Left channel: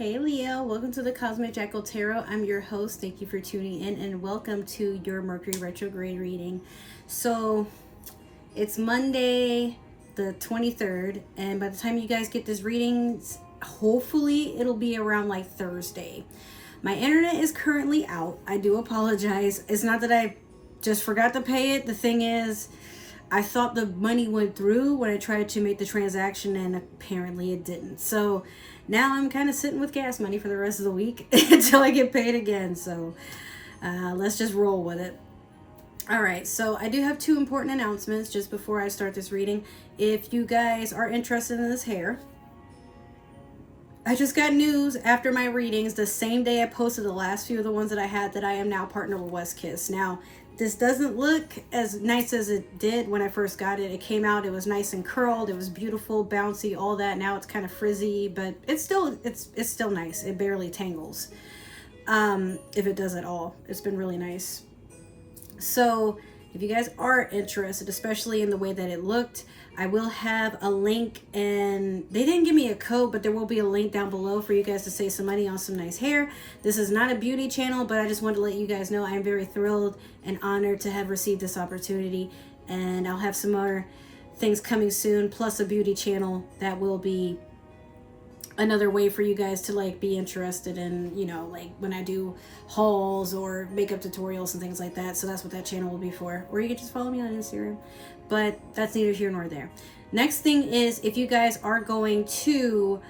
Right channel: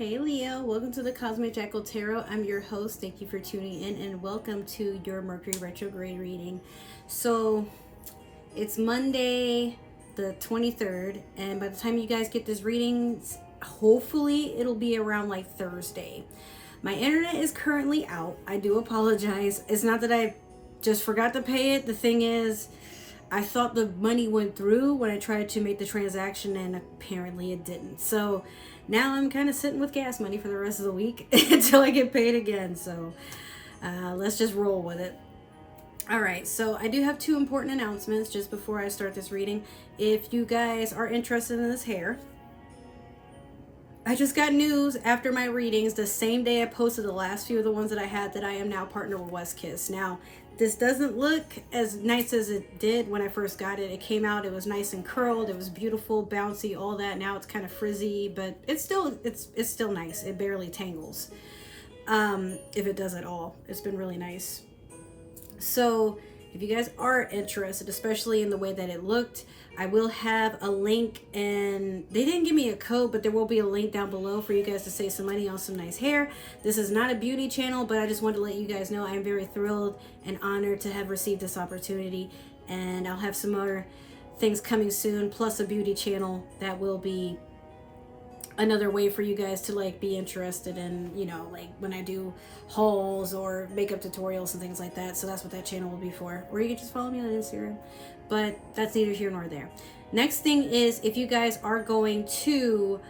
Hey Leo, welcome to the Cosmic Jackal Tarot. I'm your host. Thank you for tuning in and welcome to your Mercury Retrograde reading. So it's Monday the 23rd, and by the time you guys get this reading, hopefully it'll be around like Thursday. My internet is currently out. I do apologize. It's not that I just forgot to pay it. The thing is, I thought the money went through when I tried to make the transaction, and apparently it didn't. So now I'm kind of sitting with gas money for the rest of the week until I get paid again. So let's just roll with it. All right, so I do have two important announcements just before I start this reading. If you guys are interested in this hair, I just got news after my readings the same day I posted the last few of the ones that I had that I am now partnered with West Kiss. Now, this doesn't look as nice as it did when I first got it. It came out, it was nice and curled, it was beautiful, bouncy, all that. Now it's kind of frizzy, but it's still nice. It barely tangles. If it does at all. It's been really nice. So if you guys are interested, especially in the way that it looked, I will have a link, and they didn't give me a code, but there will be a link down below for you guys to save some money on some nice hair. This is not a beauty channel, but I just wanted to let you guys know I am very thrilled and honored to have received this opportunity, and I'll have some more things coming soon, plus a beauty channel that will be another way for you guys to like be interested in, you know, like when I do hauls or makeup tutorials and things like that. So that's what that channel will be for. Or you can just follow me on Instagram, but that's neither here nor there. Next thing is, if you guys are going to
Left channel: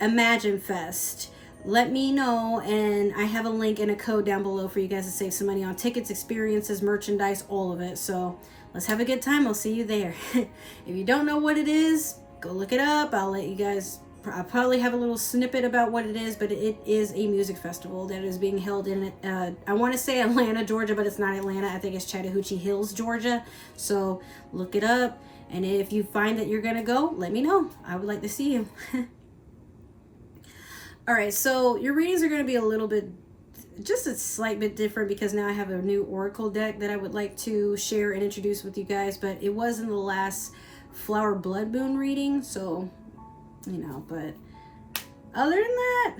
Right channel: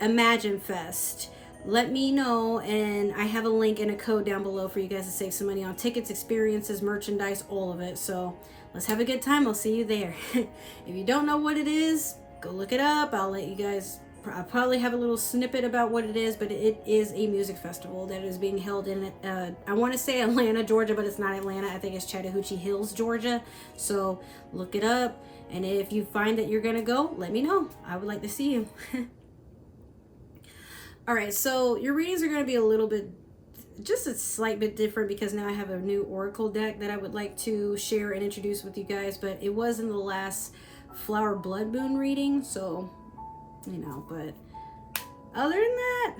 Imagine Fest, let me know, and I have a link and a code down below for you guys to save some money on tickets, experiences, merchandise, all of it. So let's have a good time. I'll see you there. If you don't know what it is, go look it up. I'll let you guys, I'll probably have a little snippet about what it is, but it is a music festival that is being held in, I want to say Atlanta, Georgia, but it's not Atlanta. I think it's Chattahoochee Hills, Georgia. So look it up. And if you find that you're going to go, let me know. I would like to see you. All right, so your readings are going to be a little bit, just a slight bit different, because now I have a new oracle deck that I would like to share and introduce with you guys, but it was in the last Flower Blood Moon reading, so you know. But other than that,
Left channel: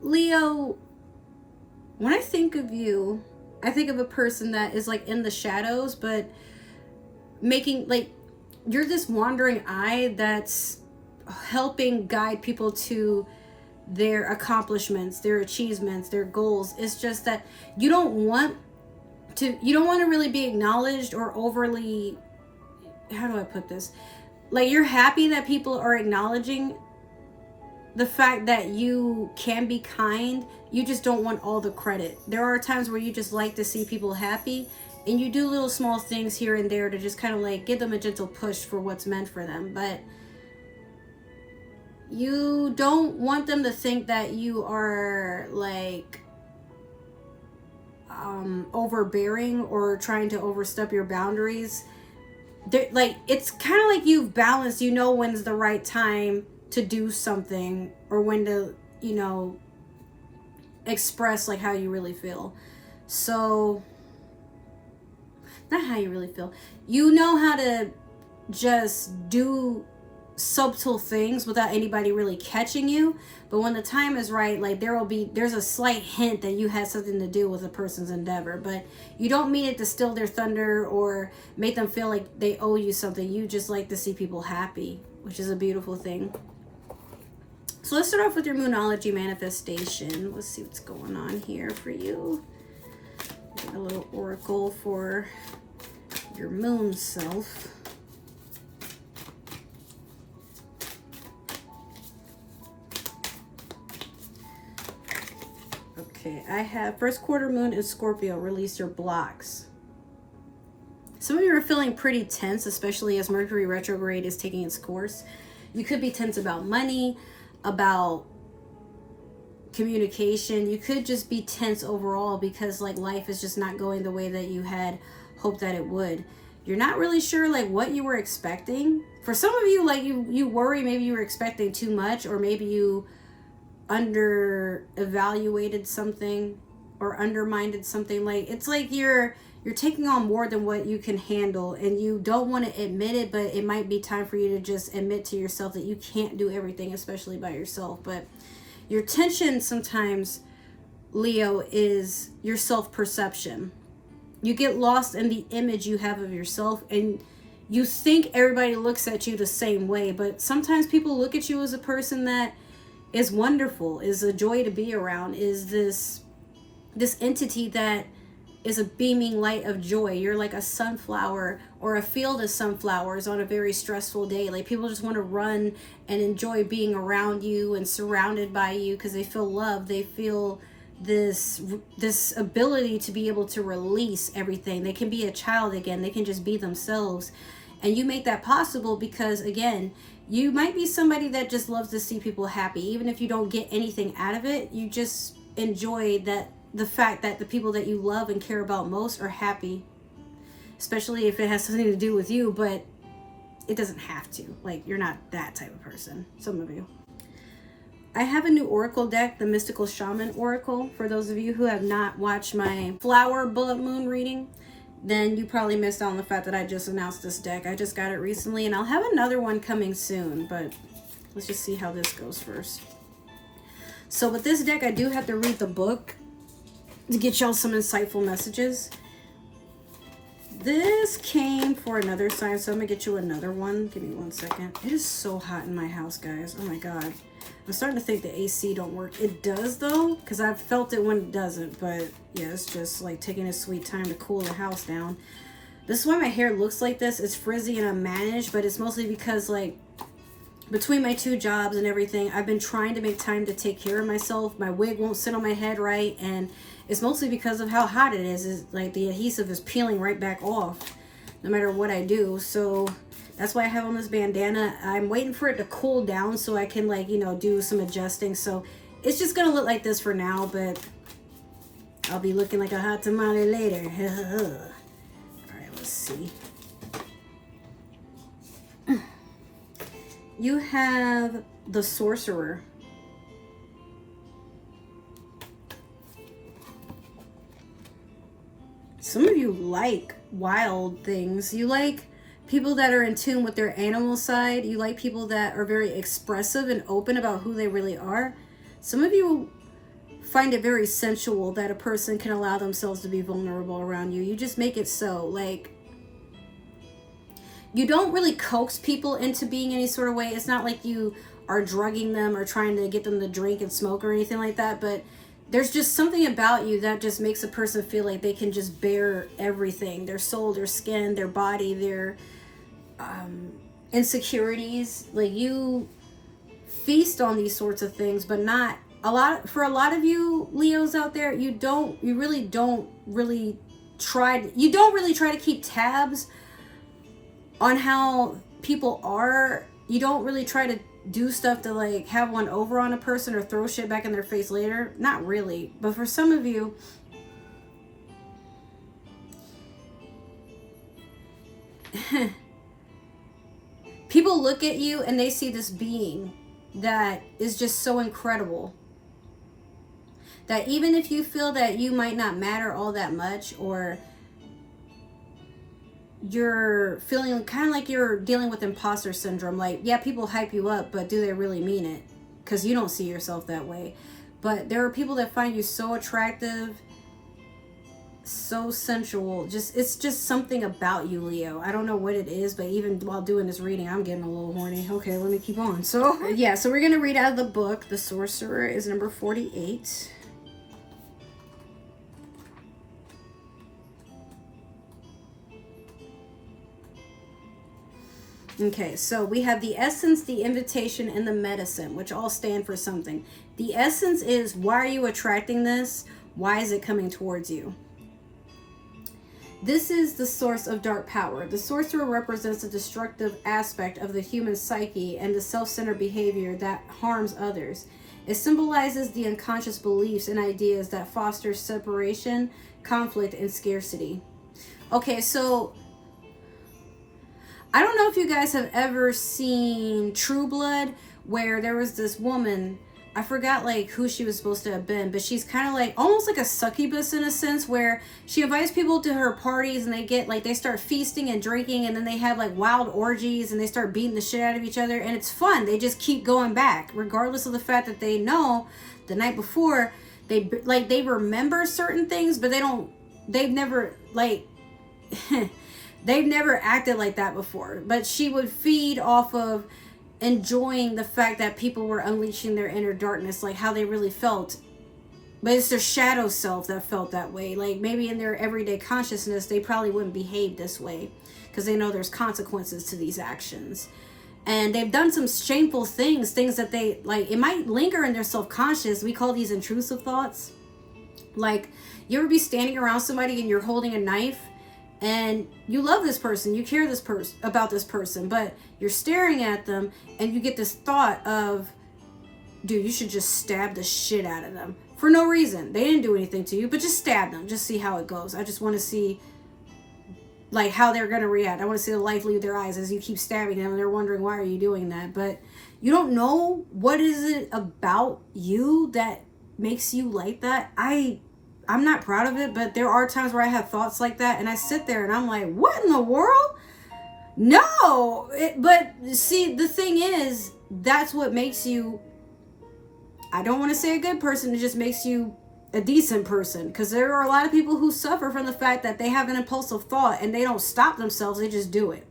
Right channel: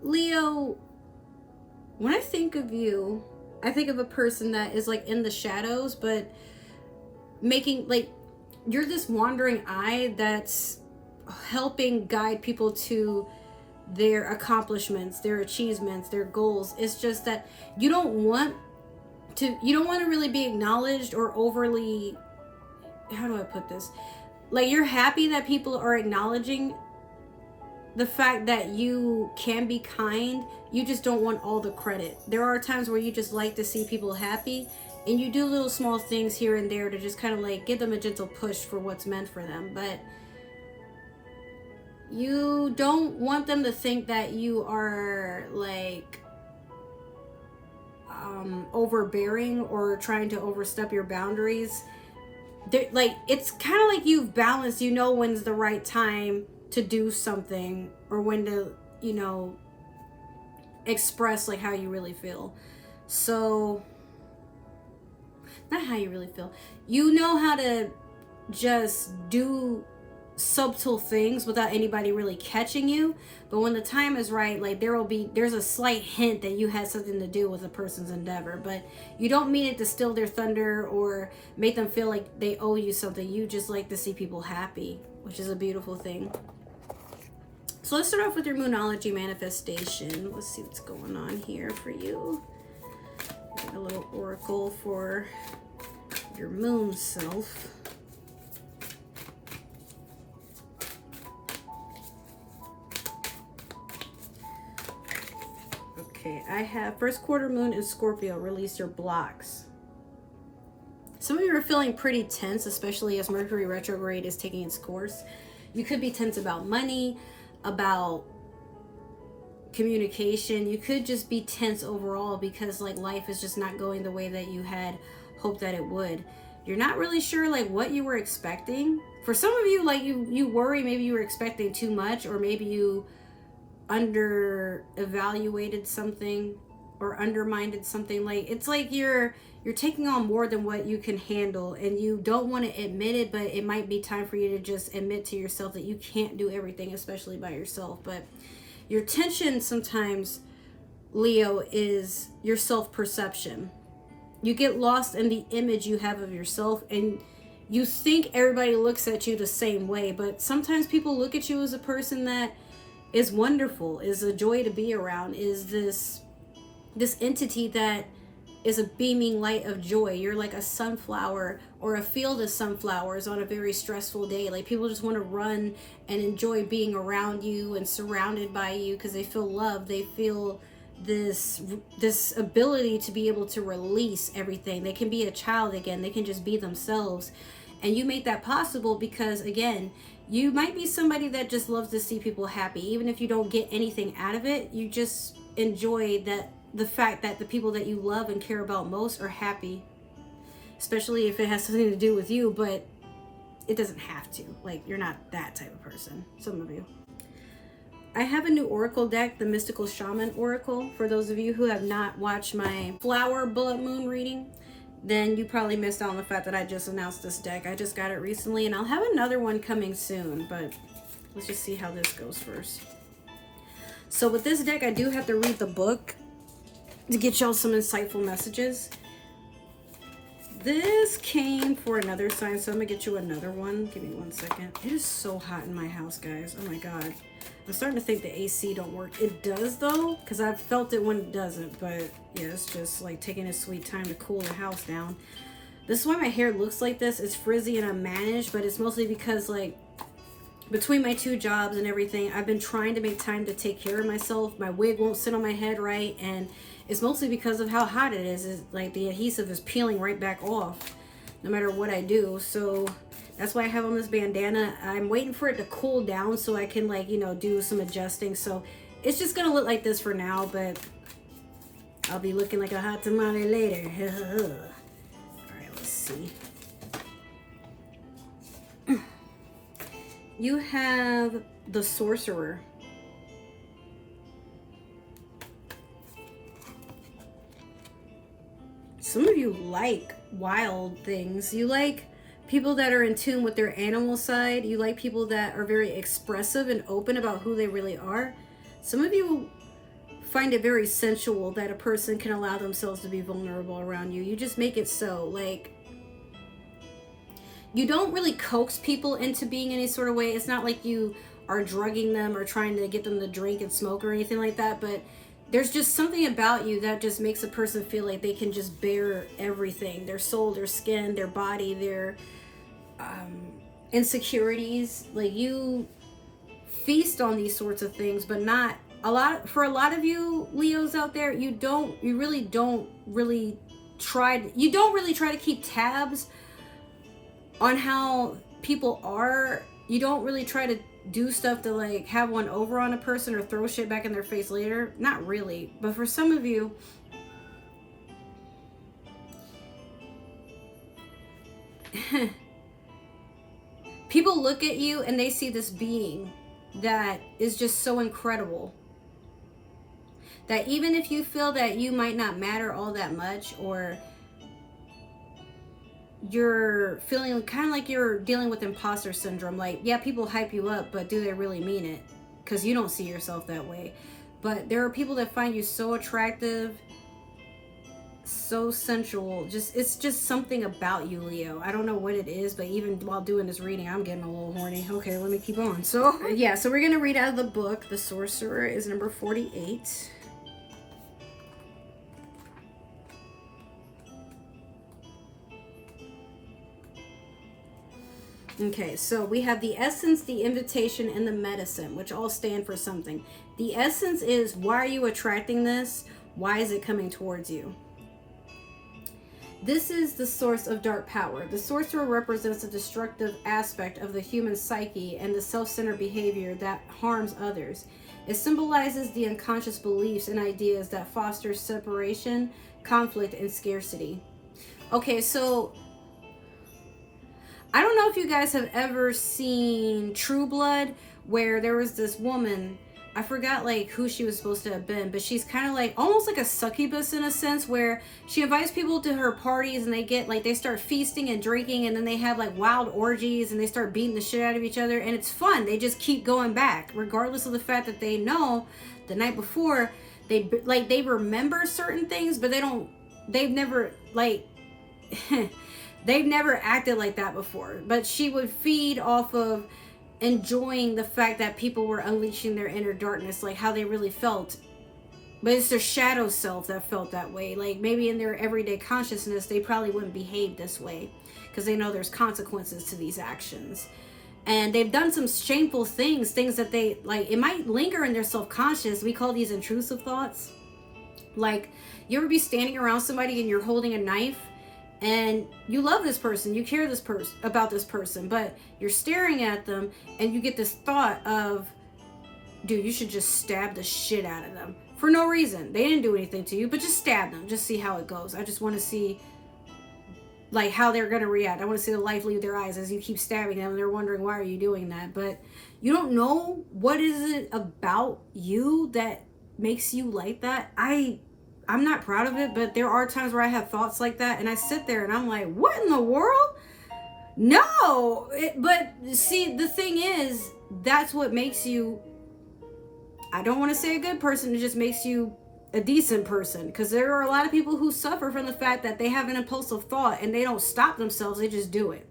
Leo, when I think of you, I think of a person that is like in the shadows, but making, like, you're this wandering eye that's helping guide people to their accomplishments, their achievements, their goals. It's just that you don't want to really be acknowledged or overly, how do I put this? Like, you're happy that people are acknowledging the fact that you can be kind. You just don't want all the credit. There are times where you just like to see people happy, and you do little small things here and there to just kind of like give them a gentle push for what's meant for them. But you don't want them to think that you are like overbearing or trying to overstep your boundaries. Like, it's kind of like you've balanced, you know, when's the right time to do something, or when to, you know, express like how you really feel. So, not how you really feel, you know how to just do subtle things without anybody really catching you. But when the time is right, like, there's a slight hint that you had something to do with a person's endeavor, but you don't mean it to steal their thunder or make them feel like they owe you something. You just like to see people happy, which is a beautiful thing. So let's start off with your Moonology manifestation. Let's see what's going on here for you. Get a little oracle for your moon self. Okay, I have first quarter moon in Scorpio. Release your blocks. Some of you are feeling pretty tense, especially as Mercury retrograde is taking its course. You could be tense about money, about communication. You could just be tense overall because like life is just not going the way that you had hoped that it would. You're not really sure like what you were expecting. For some of you, like you worry maybe you were expecting too much, or maybe you under evaluated something or undermined something. Like, it's like you're you're taking on more than what you can handle, and you don't want to admit it, but it might be time for you to just admit to yourself that you can't do everything, especially by yourself. But your tension sometimes, Leo, is your self-perception. You get lost in the image you have of yourself, and you think everybody looks at you the same way, but sometimes people look at you as a person that is wonderful, is a joy to be around, is this entity that is a beaming light of joy. You're like a sunflower or a field of sunflowers on a very stressful day. Like, people just want to run and enjoy being around you and surrounded by you because they feel love. They feel this ability to be able to release everything. They can be a child again. They can just be themselves. And you make that possible because, again, you might be somebody that just loves to see people happy. Even if you don't get anything out of it, you just enjoy the fact that the people that you love and care about most are happy, especially if it has something to do with you, but it doesn't have to. Like, you're not that type of person, some of you. I have a new oracle deck, the Mystical Shaman Oracle. For those of you who have not watched my Flower Blood Moon reading, then you probably missed out on the fact that I just announced this deck. I just got it recently, and I'll have another one coming soon, but let's just see how this goes first. So with this deck, I do have to read the book to get y'all some insightful messages. This came for another sign, so I'm gonna get you another one. Give me 1 second. It is so hot in my house, guys. Oh my god. I'm starting to think the AC don't work. It does though, because I've felt it when it doesn't, but yeah, it's just like taking a sweet time to cool the house down. This is why my hair looks like this. It's frizzy and unmanaged, but it's mostly because, like, between my 2 jobs and everything, I've been trying to make time to take care of myself. My wig won't sit on my head right, and it's mostly because of how hot it is. It's like the adhesive is peeling right back off no matter what I do. So that's why I have on this bandana. I'm waiting for it to cool down so I can, like, you know, do some adjusting. So it's just gonna look like this for now, but I'll be looking like a hot tamale later. All right, let's see. You have the Sorcerer. Some of you like wild things. You like people that are in tune with their animal side. You like people that are very expressive and open about who they really are. Some of you find it very sensual that a person can allow themselves to be vulnerable around you. You just make it so. Like, you don't really coax people into being any sort of way. It's not like you are drugging them or trying to get them to drink and smoke or anything like that, but there's just something about you that just makes a person feel like they can just bear everything. Their soul, their skin, their body, their insecurities. Like, you feast on these sorts of things, but not a lot. For a lot of you Leos out there, you really don't try to keep tabs on how people are. You don't really try to do stuff to, like, have one over on a person or throw shit back in their face later. Not really. But for some of you, people look at you and they see this being that is just so incredible that even if you feel that you might not matter all that much, or you're feeling kind of like you're dealing with imposter syndrome, like, yeah, people hype you up, but do they really mean it? Because you don't see yourself that way. But there are people that find you so attractive, so sensual. It's just something about you, Leo. I don't know what it is, but even while doing this reading, I'm getting a little horny. Okay, let me keep on. So yeah, so we're gonna read out of the book. The Sorcerer is number 48. Okay, so we have the essence, the invitation, and the medicine, which all stand for something. The essence is, why are you attracting this? Why is it coming towards you? This is the source of dark power. The sorcerer represents a destructive aspect of the human psyche and the self-centered behavior that harms others. It symbolizes the unconscious beliefs and ideas that foster separation, conflict, and scarcity. Okay, so I don't know if you guys have ever seen True Blood, where there was this woman I forgot like who she was supposed to have been, but she's kind of like almost like a succubus in a sense, where she invites people to her parties and they get like, they start feasting and drinking, and then they have like wild orgies and they start beating the shit out of each other, and it's fun. They just keep going back regardless of the fact that they know the night before they remember certain things, but they've never like they've never acted like that before. But she would feed off of enjoying the fact that people were unleashing their inner darkness, like how they really felt. But it's their shadow self that felt that way. Like maybe in their everyday consciousness, they probably wouldn't behave this way because they know there's consequences to these actions. And they've done some shameful things that they, like, it might linger in their self-conscious. We call these intrusive thoughts. Like, you ever be standing around somebody and you're holding a knife and you love this person, you care about this person, but you're staring at them and you get this thought of, dude, you should just stab the shit out of them for no reason. They didn't do anything to you, but just stab them. Just see how it goes. I just want to see like how they're going to react. I want to see the life leave their eyes as you keep stabbing them and they're wondering, why are you doing that? But you don't know what is it about you that makes you like that. I'm not proud of it, but there are times where I have thoughts like that and I sit there and I'm like, what in the world? No. But see, the thing is, that's what makes you, I don't want to say a good person, it just makes you a decent person, because there are a lot of people who suffer from the fact that they have an impulsive thought and they don't stop themselves, they just do it.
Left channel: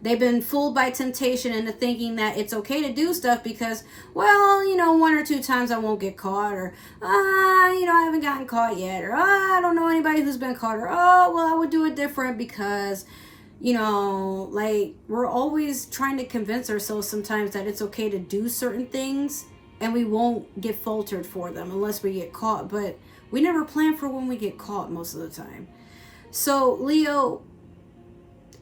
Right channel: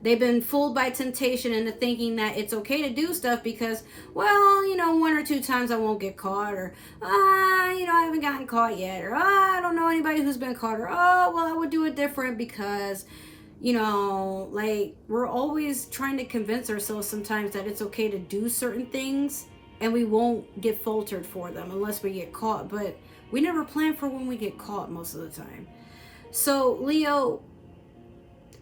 They've been fooled by temptation into thinking that it's okay to do stuff because, well, you know, 1 or 2 times I won't get caught, or you know, I haven't gotten caught yet, or I don't know anybody who's been caught, or well, I would do it different because, you know, like, we're always trying to convince ourselves sometimes that it's okay to do certain things and we won't get faltered for them unless we get caught. But we never plan for when we get caught most of the time. So, Leo,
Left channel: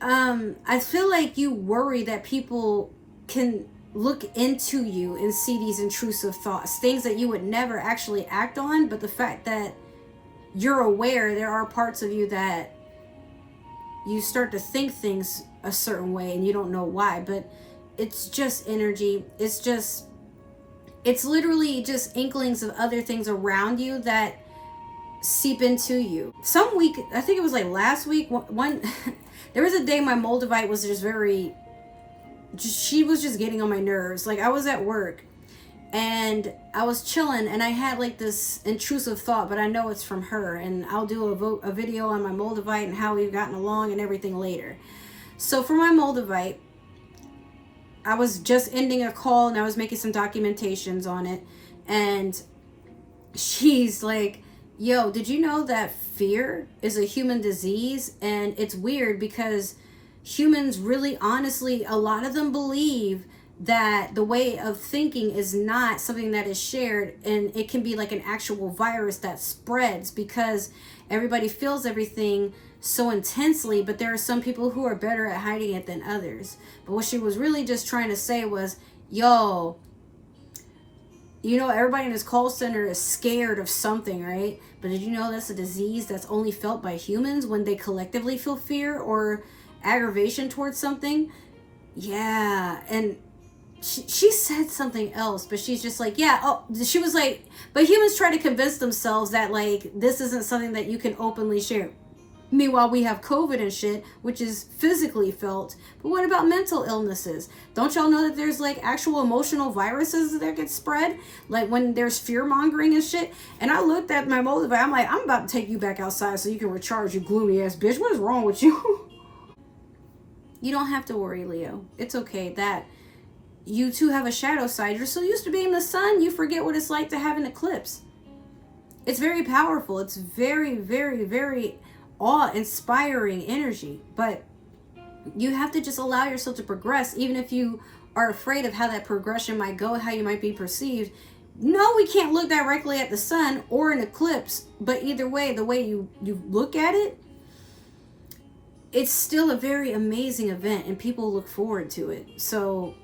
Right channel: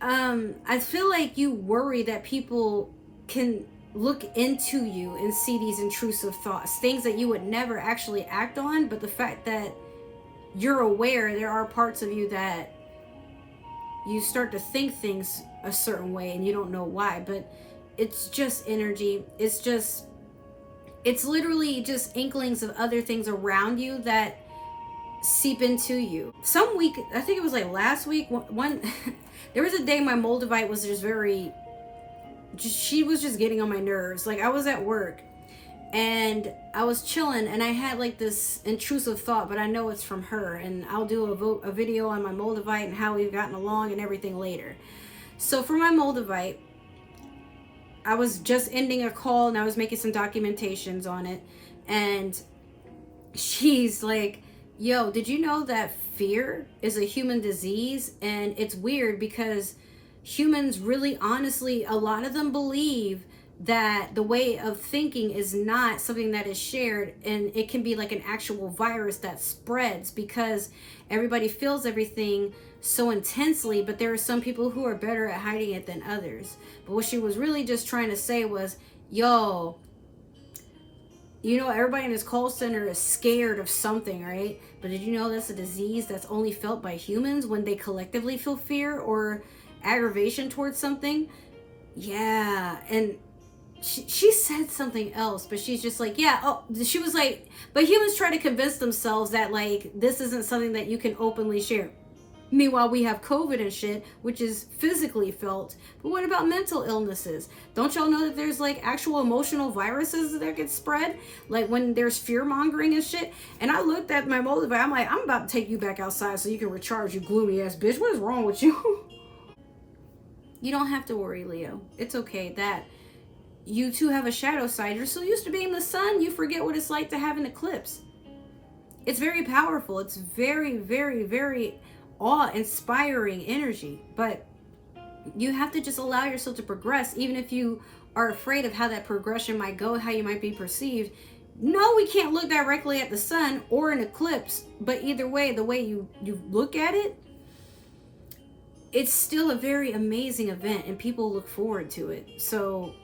I feel like you worry that people can look into you and see these intrusive thoughts, things that you would never actually act on. But the fact that you're aware there are parts of you that you start to think things a certain way and you don't know why. But it's just energy. It's literally just inklings of other things around you that seep into you. Some week, I think it was like last week, one there was a day my Moldavite was she was just getting on my nerves. Like, I was at work and I was chilling and I had like this intrusive thought, but I know it's from her, and I'll do a video on my Moldavite and how we've gotten along and everything later. So for my Moldavite, I was just ending a call and I was making some documentations on it, and she's like, yo, did you know that fear is a human disease? And it's weird because humans really, honestly, a lot of them believe that the way of thinking is not something that is shared, and it can be like an actual virus that spreads because everybody feels everything so intensely. But there are some people who are better at hiding it than others. But what she was really just trying to say was, yo, you know, everybody in this call center is scared of something, right? But did you know that's a disease that's only felt by humans when they collectively feel fear or aggravation towards something? Yeah. And she said something else, but she's just like, yeah. Oh, she was like, but humans try to convince themselves that like this isn't something that you can openly share. Meanwhile, we have COVID and shit, which is physically felt. But what about mental illnesses? Don't y'all know that there's like actual emotional viruses that get spread? Like when there's fear mongering and shit. And I looked at my Moldavite, I'm like, I'm about to take you back outside so you can recharge, you gloomy ass bitch. What is wrong with you? You don't have to worry, Leo. It's okay that you too have a shadow side. You're so used to being the sun, you forget what it's like to have an eclipse. It's very powerful. It's very, very, very awe-inspiring energy. But you have to just allow yourself to progress, even if you are afraid of how that progression might go, how you might be perceived. No, we can't look directly at the sun or an eclipse, but either way, the way you look at it, it's still a very amazing event and people look forward to it. So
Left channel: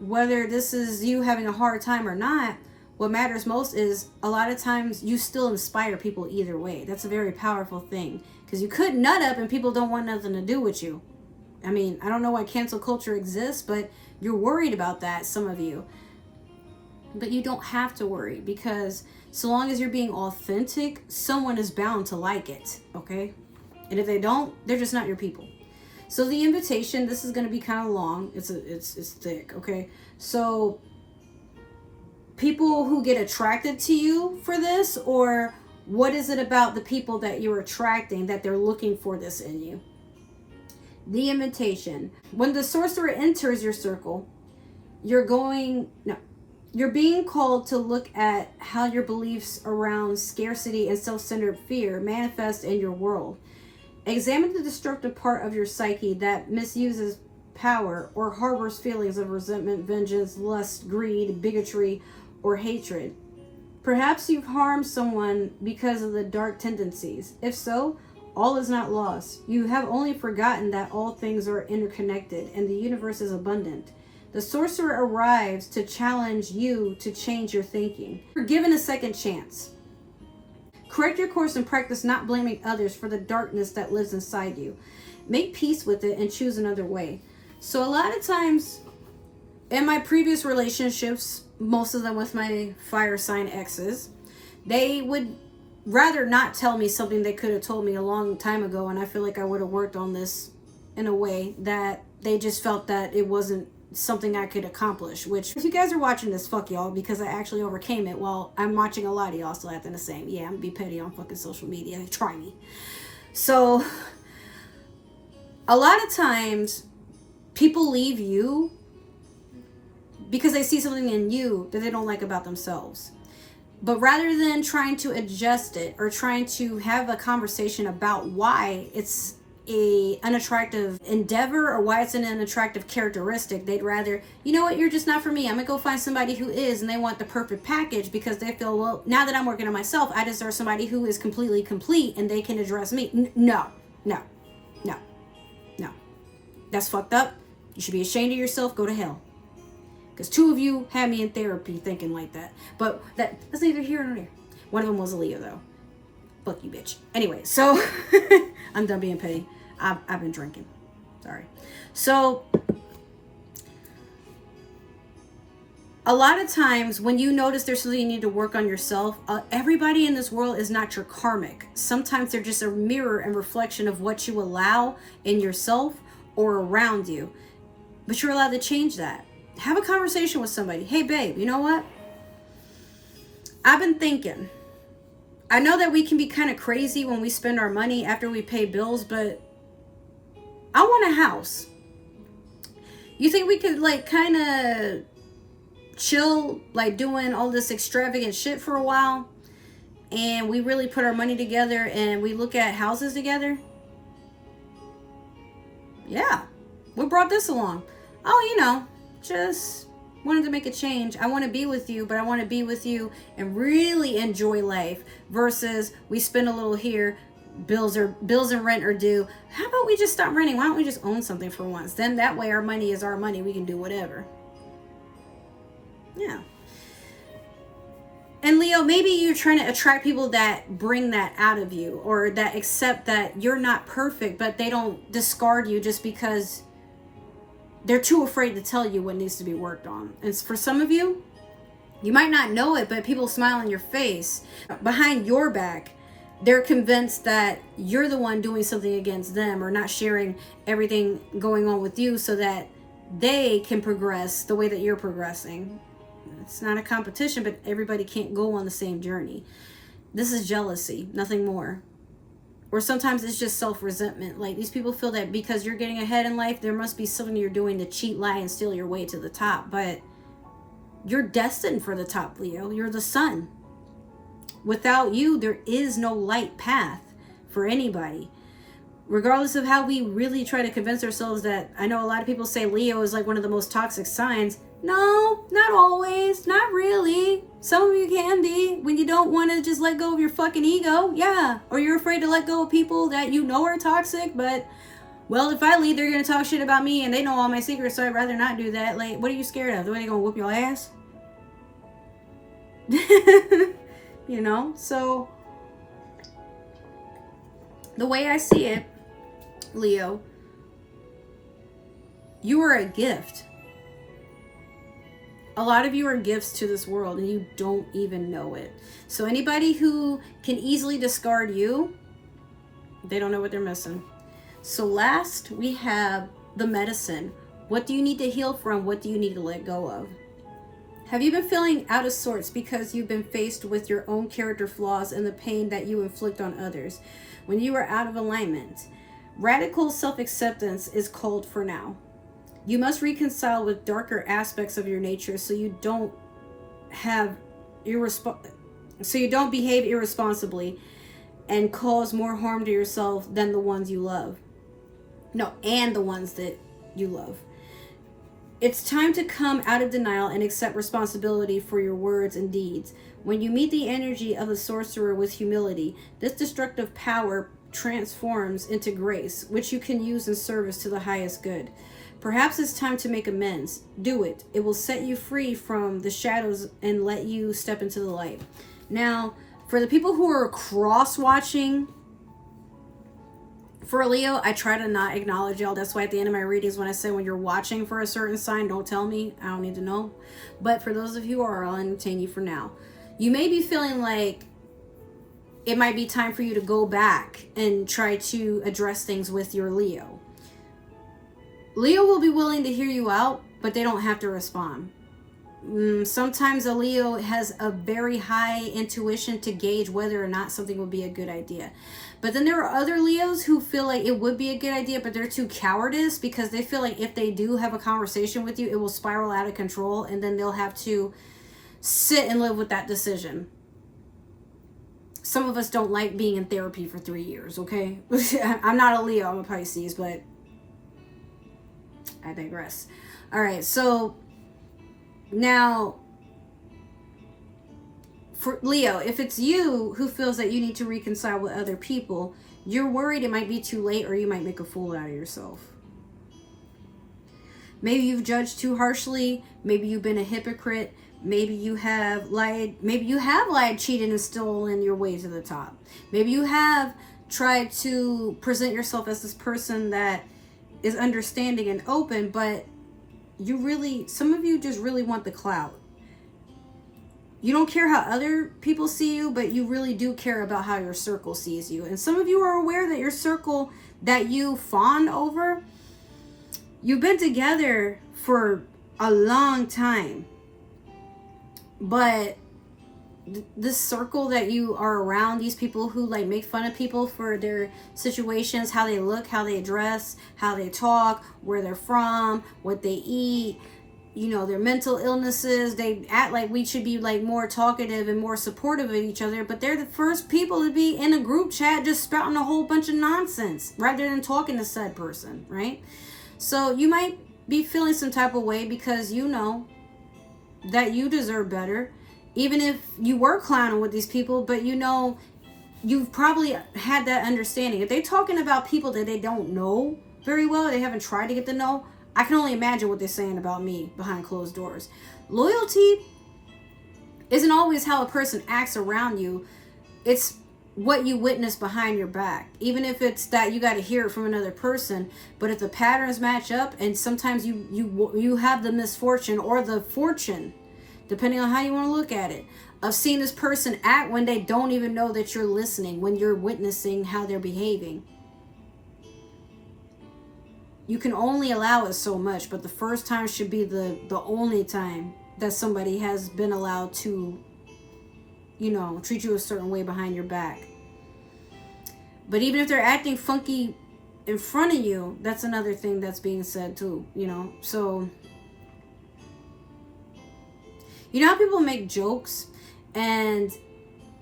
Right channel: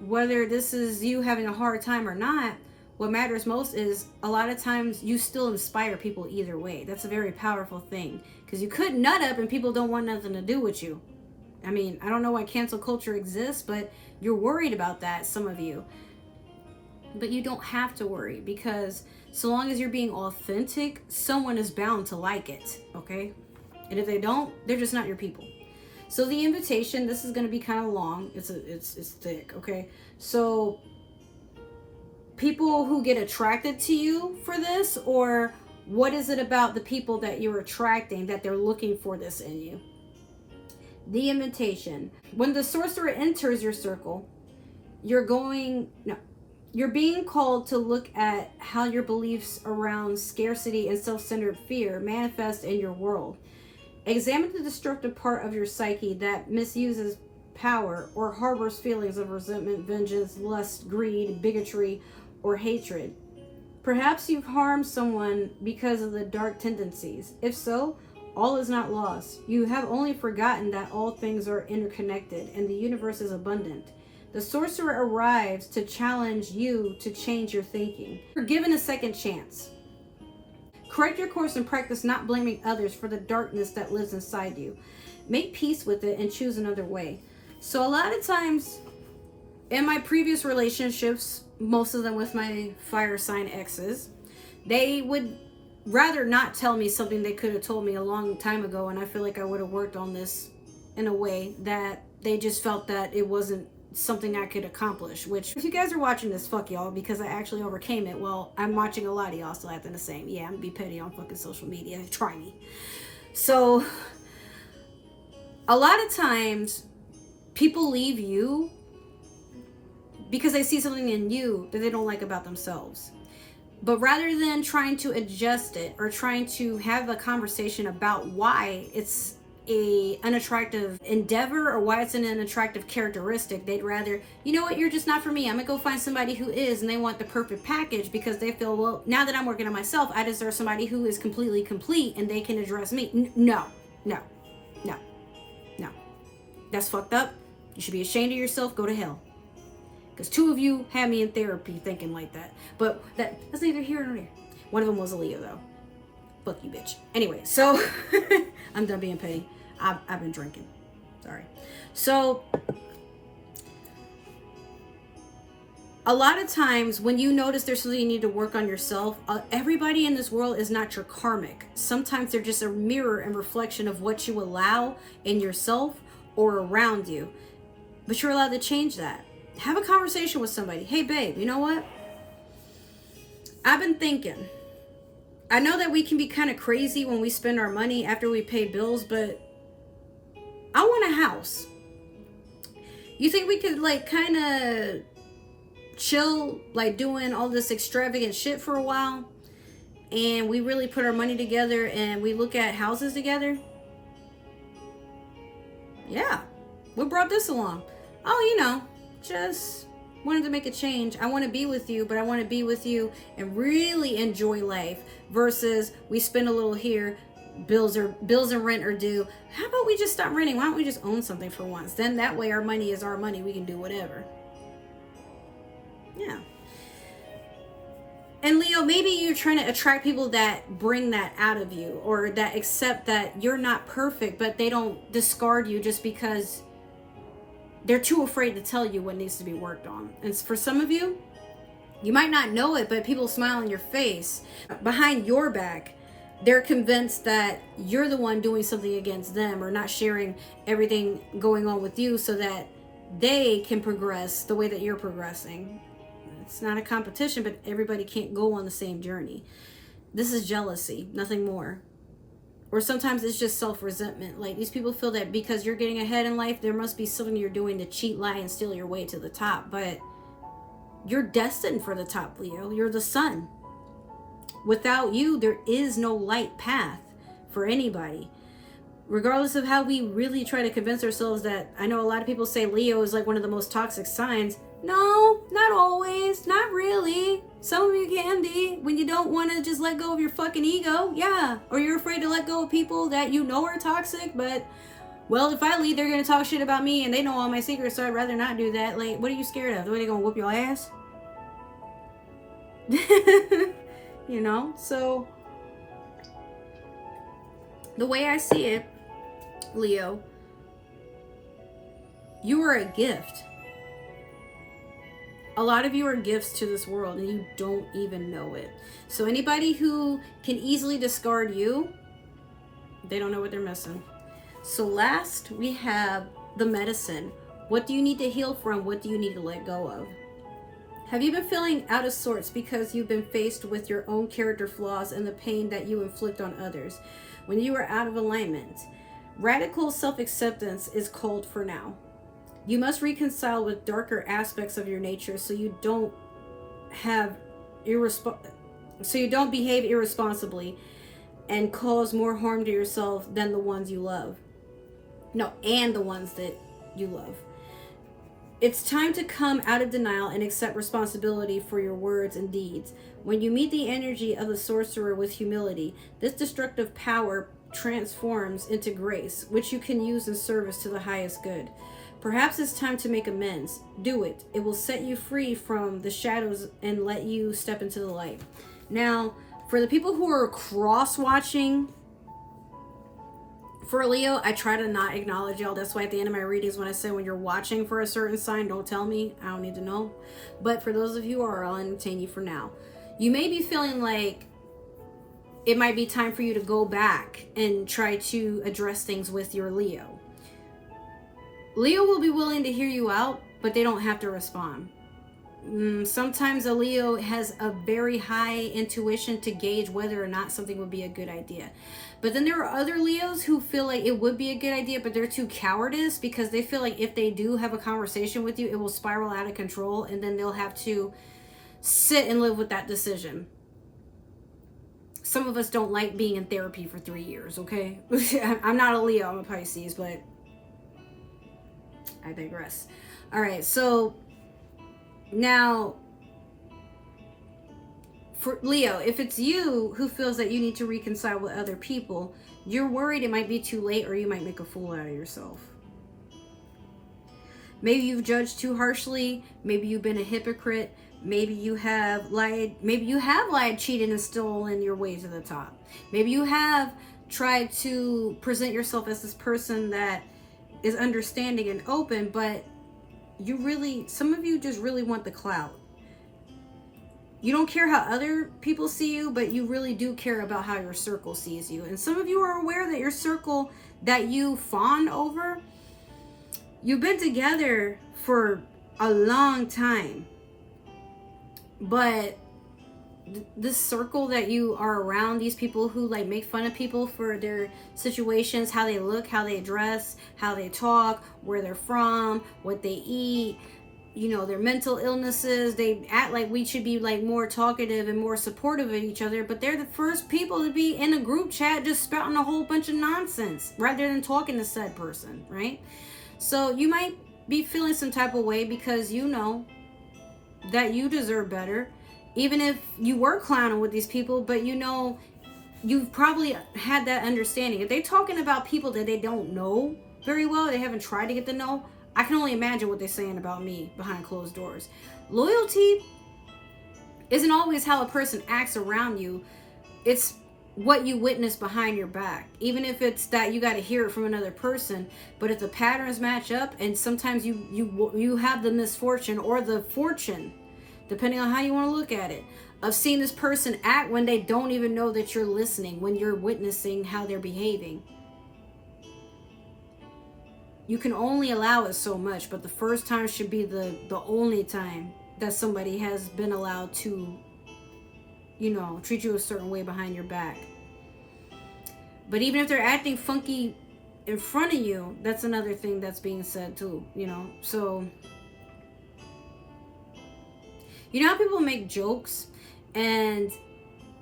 whether this is you having a hard time or not, what matters most is a lot of times you still inspire people either way. That's a very powerful thing, because you could nut up and people don't want nothing to do with you. I mean, I don't know why cancel culture exists, but you're worried about that, some of you. But you don't have to worry, because so long as you're being authentic, someone is bound to like it, okay? And if they don't, they're just not your people. So the invitation, this is going to be kind of long. It's thick, okay? So people who get attracted to you for this, or what is it about the people that you're attracting that they're looking for this in you? The invitation. When the sorcerer enters your circle, you're being called to look at how your beliefs around scarcity and self-centered fear manifest in your world. Examine the destructive part of your psyche that misuses power or harbors feelings of resentment, vengeance, lust, greed, bigotry, or hatred. Perhaps you've harmed someone because of the dark tendencies. If so, all is not lost. You have only forgotten that all things are interconnected and the universe is abundant. The sorcerer arrives to challenge you to change your thinking. You're given a second chance. Correct your course and practice not blaming others for the darkness that lives inside you. Make peace with it and choose another way. So a lot of times in my previous relationships, most of them with my fire sign exes, they would rather not tell me something they could have told me a long time ago, and I feel like I would have worked on this in a way that they just felt that it wasn't something I could accomplish. Which, if you guys are watching this, fuck y'all, because I actually overcame it. Well, I'm watching a lot of y'all still acting the same. Yeah, I'm gonna be petty on fucking social media. Try me. So a lot of times people leave you because they see something in you that they don't like about themselves. But rather than trying to adjust it or trying to have a conversation about why it's an unattractive endeavor or why it's an unattractive characteristic, they'd rather, you know what, you're just not for me. I'm gonna go find somebody who is, and they want the perfect package because they feel, well, now that I'm working on myself, I deserve somebody who is completely complete and they can address me. No. That's fucked up. You should be ashamed of yourself. Go to hell. Because 2 of you had me in therapy thinking like that. But that's neither here nor there. One of them was a Leo, though. Fuck you, bitch. Anyway, so I'm done being petty. I've been drinking. Sorry. So a lot of times when you notice there's something you need to work on yourself, everybody in this world is not your karmic. Sometimes they're just a mirror and reflection of what you allow in yourself or around you. But you're allowed to change that. Have a conversation with somebody. Hey, babe, you know what? I've been thinking. I know that we can be kind of crazy when we spend our money after we pay bills, but I want a house. You think we could like kind of chill, like doing all this extravagant shit for a while, and we really put our money together and we look at houses together? Yeah. What brought this along? Oh, just wanted to make a change. I want to be with you, but I want to be with you and really enjoy life versus we spend a little here, bills and rent are due. How about we just stop renting? Why don't we just own something for once? Then that way our money is our money. We can do whatever. Yeah. And Leo, maybe you're trying to attract people that bring that out of you or that accept that you're not perfect, but they don't discard you just because they're too afraid to tell you what needs to be worked on. And for some of you, you might not know it, but people smile in your face. Behind your back, they're convinced that you're the one doing something against them or not sharing everything going on with you so that they can progress the way that you're progressing. It's not a competition, but everybody can't go on the same journey. This is jealousy, nothing more. Or sometimes it's just self-resentment. Like, these people feel that because you're getting ahead in life, there must be something you're doing to cheat, lie, and steal your way to the top. But you're destined for the top, Leo. You're the sun. Without you, there is no light path for anybody. Regardless of how we really try to convince ourselves that, I know a lot of people say Leo is like one of the most toxic signs. No, not always. Not really. Some of you can be when you don't want to just let go of your fucking ego. Yeah. Or you're afraid to let go of people that you know are toxic. But, well, if I leave, they're going to talk shit about me and they know all my secrets. So I'd rather not do that. Like, what are you scared of? The way they're going to whoop your ass? So the way I see it, Leo, you are a gift. A lot of you are gifts to this world and you don't even know it. So anybody who can easily discard you, they don't know what they're missing. So last, we have the medicine. What do you need to heal from? What do you need to let go of? Have you been feeling out of sorts because you've been faced with your own character flaws and the pain that you inflict on others when you are out of alignment? Radical self-acceptance is called for now. You must reconcile with darker aspects of your nature so you don't behave irresponsibly and cause more harm to yourself than the ones you love. No, and the ones that you love. It's time to come out of denial and accept responsibility for your words and deeds. When you meet the energy of the sorcerer with humility, this destructive power transforms into grace, which you can use in service to the highest good. Perhaps it's time to make amends. Do it. It will set you free from the shadows and let you step into the light. Now, for the people who are cross-watching, for Leo, I try to not acknowledge y'all. That's why at the end of my readings, when I say when you're watching for a certain sign, don't tell me. I don't need to know. But for those of you who are, I'll entertain you for now. You may be feeling like it might be time for you to go back and try to address things with your Leo. Leo will be willing to hear you out, but they don't have to respond. Sometimes a Leo has a very high intuition to gauge whether or not something would be a good idea. But then there are other Leos who feel like it would be a good idea, but they're too cowardice because they feel like if they do have a conversation with you, it will spiral out of control and then they'll have to sit and live with that decision. Some of us don't like being in therapy for 3 years, okay? I'm not a Leo, I'm a Pisces, but I digress. All right, so now for Leo, if it's you who feels that you need to reconcile with other people, you're worried it might be too late or you might make a fool out of yourself. Maybe you've judged too harshly. Maybe you've been a hypocrite. Maybe you have lied. Maybe you have lied, cheated, and stolen your way to the top. Maybe you have tried to present yourself as this person that is understanding and open, but some of you just really want the clout. You don't care how other people see you, but you really do care about how your circle sees you. And some of you are aware that your circle that you fawn over, you've been together for a long time. But this circle that you are around, these people who like make fun of people for their situations, how they look, how they dress, how they talk, where they're from, what they eat, their mental illnesses, they act like we should be like more talkative and more supportive of each other, but they're the first people to be in a group chat just spouting a whole bunch of nonsense rather than talking to said person, right? So you might be feeling some type of way because you know that you deserve better, even if you were clowning with these people, but you've probably had that understanding. If they're talking about people that they don't know very well, they haven't tried to get to know, I can only imagine what they're saying about me behind closed doors. Loyalty isn't always how a person acts around you. It's what you witness behind your back. Even if it's that you got to hear it from another person, but if the patterns match up, and sometimes you have the misfortune or the fortune, depending on how you want to look at it, of seeing this person act when they don't even know that you're listening, when you're witnessing how they're behaving. You can only allow it so much, but the first time should be the only time that somebody has been allowed to, treat you a certain way behind your back. But even if they're acting funky in front of you, that's another thing that's being said too, So, how people make jokes and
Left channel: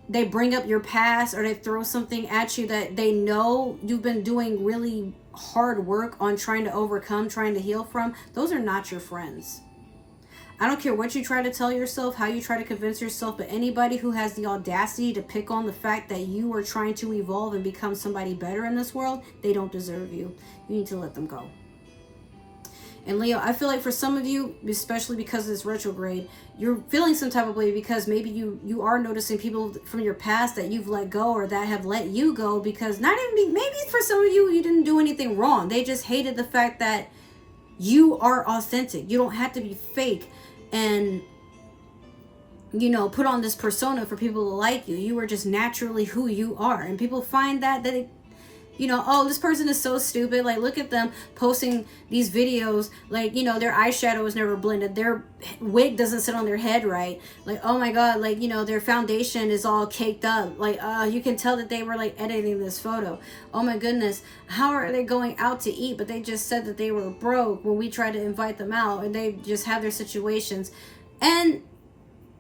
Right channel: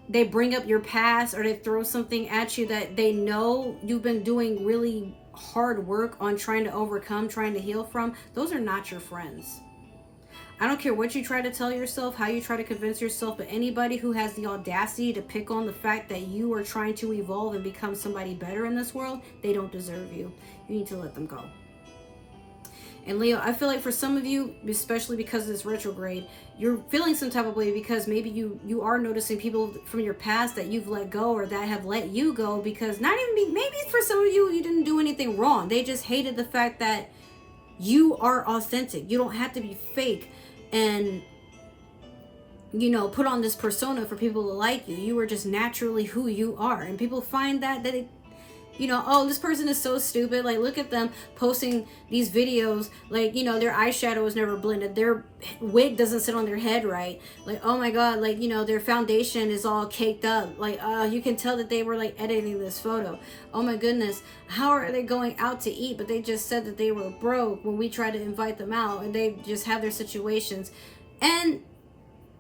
they bring up your past or they throw something at you that they know you've been doing really hard work on trying to overcome, trying to heal from? Those are not your friends. I don't care what you try to tell yourself, how you try to convince yourself, but anybody who has the audacity to pick on the fact that you are trying to evolve and become somebody better in this world, they don't deserve you. You need to let them go. And Leo, I feel like for some of you, especially because of this retrograde, you're feeling some type of way because maybe you are noticing people from your past that you've let go or that have let you go because maybe for some of you didn't do anything wrong. They just hated the fact that you are authentic. You don't have to be fake. and, you know, put on this persona for people to like you. You are just naturally who you are. And people find that it, you know, oh, this person is so stupid. Like, look at them posting these videos. Like, you know, their eyeshadow is never blended. Their wig doesn't sit on their head right. Like, oh my God, like, you know, their foundation is all caked up. Like, you can tell that they were like editing this photo. Oh my goodness, how are they going out to eat? But they just said that they were broke when we tried to invite them out, and they just have their situations. And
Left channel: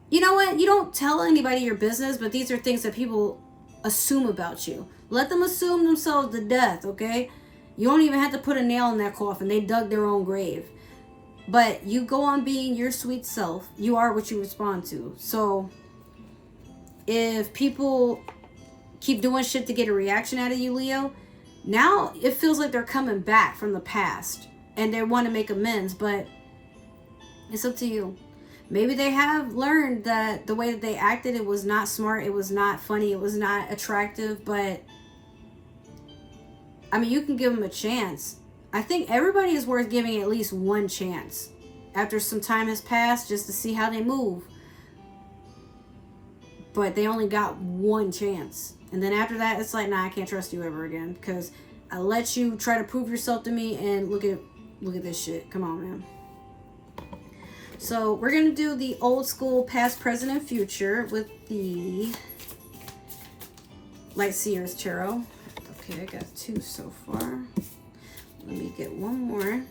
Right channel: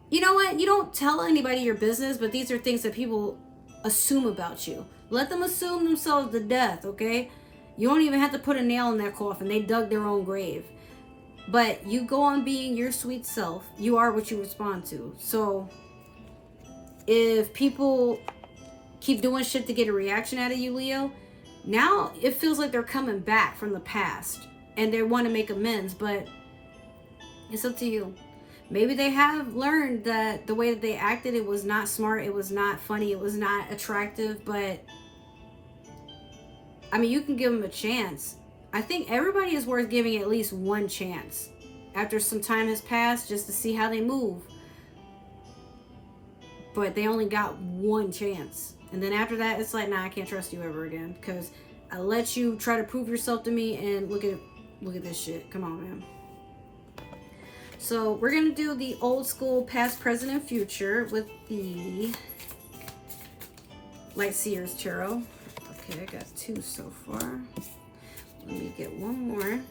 you know what? You don't tell anybody your business, but these are things that people assume about you. Let them assume themselves to death, okay? You don't even have to put a nail in that coffin. They dug their own grave. But you go on being your sweet self. You are what you respond to. So if people keep doing shit to get a reaction out of you, Leo, now it feels like they're coming back from the past and they want to make amends, but it's up to you. Maybe they have learned that the way that they acted, it was not smart, it was not funny, it was not attractive, but I mean, you can give them a chance. I think everybody is worth giving at least one chance after some time has passed, just to see how they move. But they only got one chance. And then after that, it's like, nah, I can't trust you ever again, because I let you try to prove yourself to me, and look at this shit. Come on, man. So we're going to do the old school past, present, and future with the Light Seers Tarot. Okay, I got 2 so far. Let me get one more.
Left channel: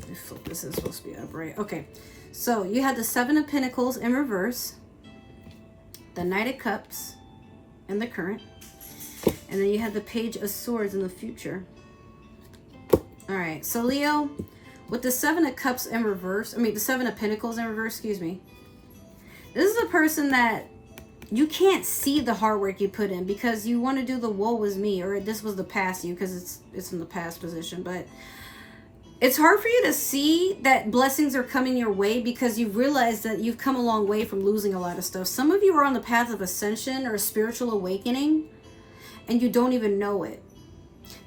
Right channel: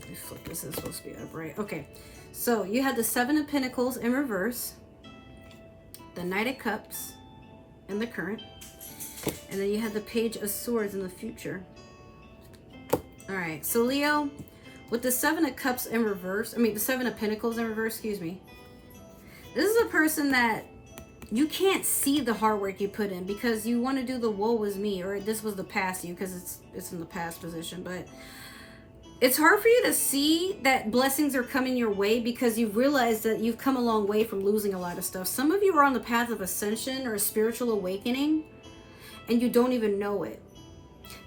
Let me flip this. Is supposed to be upright. Okay, so you had the 7 of Pentacles in reverse, the Knight of Cups in the current, and then you had the Page of Swords in the future. All right, so Leo, with the 7 of Cups in reverse, the 7 of Pentacles in reverse, excuse me. This is a person that you can't see the hard work you put in, because you want to do the woe was me, or this was the past you, because it's in the past position. But it's hard for you to see that blessings are coming your way, because you've realized that you've come a long way from losing a lot of stuff. Some of you are on the path of ascension or a spiritual awakening, and you don't even know it.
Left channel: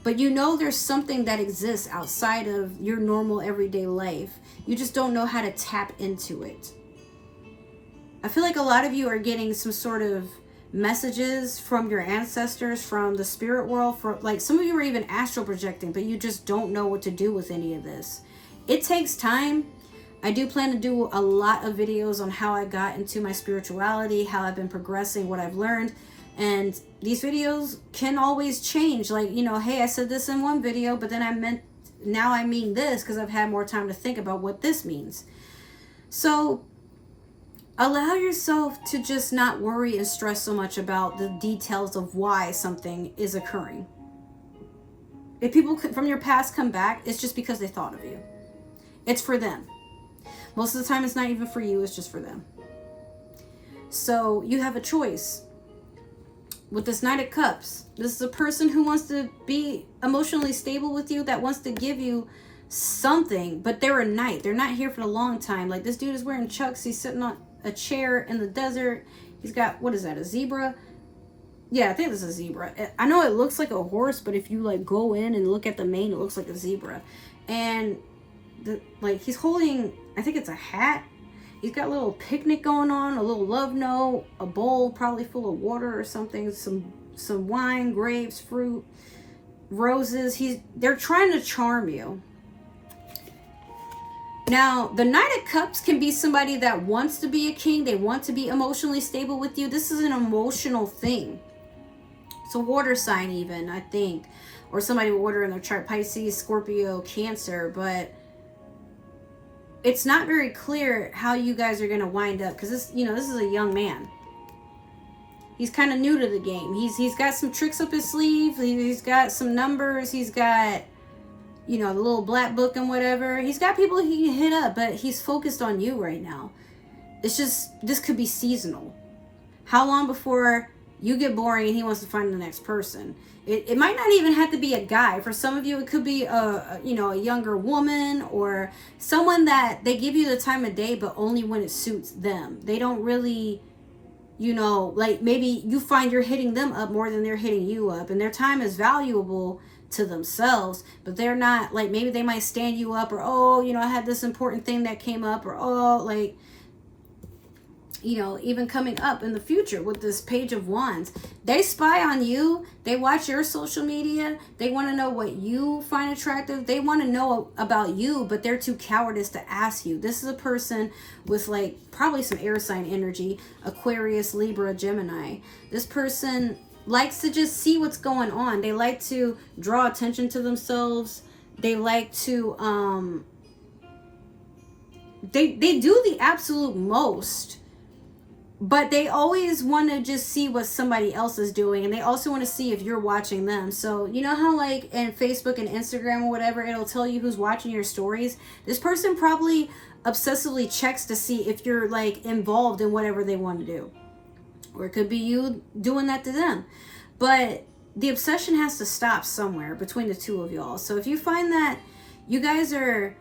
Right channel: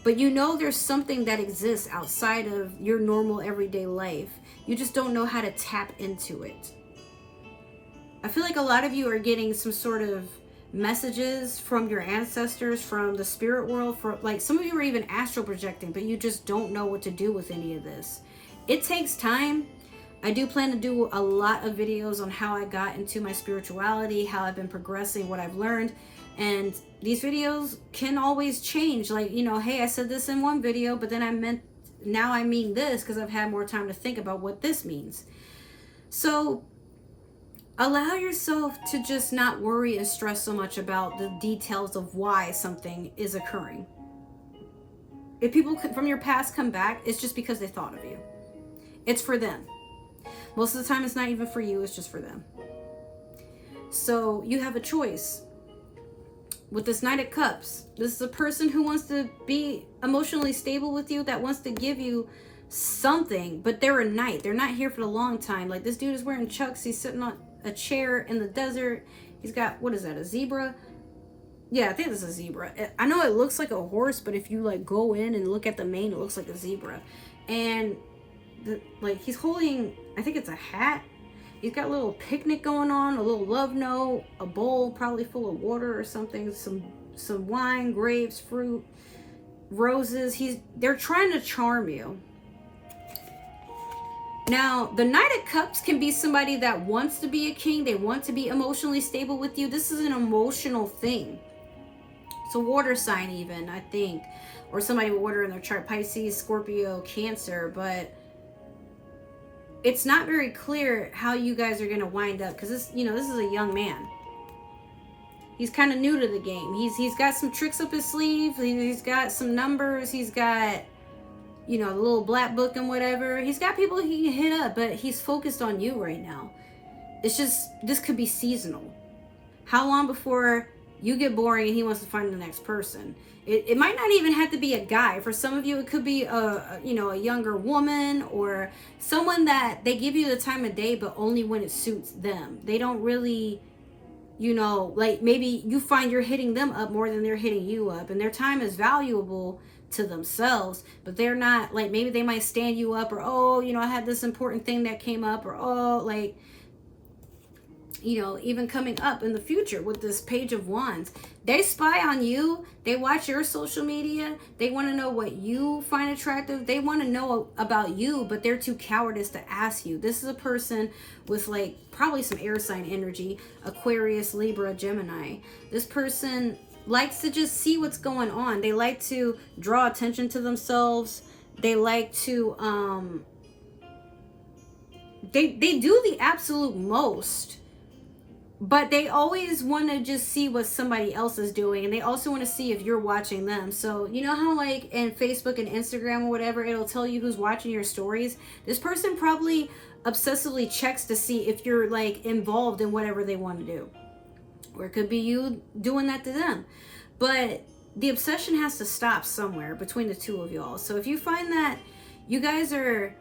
But you know there's something that exists outside of your normal everyday life. You just don't know how to tap into it. I feel like a lot of you are getting some sort of messages from your ancestors, from the spirit world. For like, some of you are even astral projecting, but you just don't know what to do with any of this. It takes time. I do plan to do a lot of videos on how I got into my spirituality, how I've been progressing, what I've learned. And these videos can always change. Like, you know, hey, I said this in one video, but then now I mean this, because I've had more time to think about what this means. So allow yourself to just not worry and stress so much about the details of why something is occurring. If people from your past come back, it's just because they thought of you. It's for them. Most of the time, it's not even for you. It's just for them. So you have a choice. With this Knight of Cups, this is a person who wants to be emotionally stable with you, that wants to give you something, but they're a knight. They're not here for the long time. Like, this dude is wearing chucks. He's sitting on a chair in the desert. He's got, what is that, a zebra? Yeah, I think this is a zebra. I know it looks like a horse, but if you like go in and look at the mane, it looks like a zebra. And he's holding, I think it's a hat. He's got a little picnic going on, a little love note, a bowl probably full of water or something, some wine, grapes, fruit, roses. They're trying to charm you. Now, the Knight of Cups can be somebody that wants to be a king. They want to be emotionally stable with you. This is an emotional thing. It's a water sign even, I think. Or somebody with water in their chart, Pisces, Scorpio, Cancer. But it's not very clear how you guys are going to wind up, because this is a young man. He's kind of new to the game. He's got some tricks up his sleeve. He's got some numbers. He's got, the little black book and whatever. He's got people he can hit up, but he's focused on you right now. It's just, this could be seasonal. How long before you get boring and he wants to find the next person? It might not even have to be a guy. For some of you, it could be a younger woman, or someone that they give you the time of day, but only when it suits them. They don't really you know, like maybe you find you're hitting them up more than they're hitting you up, and their time is valuable to themselves, but they're not, like, maybe they might stand you up, or, oh, you know, I had this important thing that came up, or, oh, like, you know, even coming up in the future with this Page of Wands, they spy on you, they watch your social media, they want to know what you find attractive, they want to know about you, but they're too cowardice to ask you. This is a person with, like, probably some air sign energy, Aquarius, Libra, Gemini. This person likes to just see what's going on. They like to draw attention to themselves. They like to they do the absolute most, but they always want to just see what somebody else is doing, and they also want to see if you're watching them. So you know how, like, in Facebook and Instagram or whatever, it'll tell you who's watching your stories? This person probably obsessively checks to see if you're, like, involved in whatever they want to do, or it could be you doing that to them. But the obsession has to stop somewhere between the two of y'all. So if you find that you guys are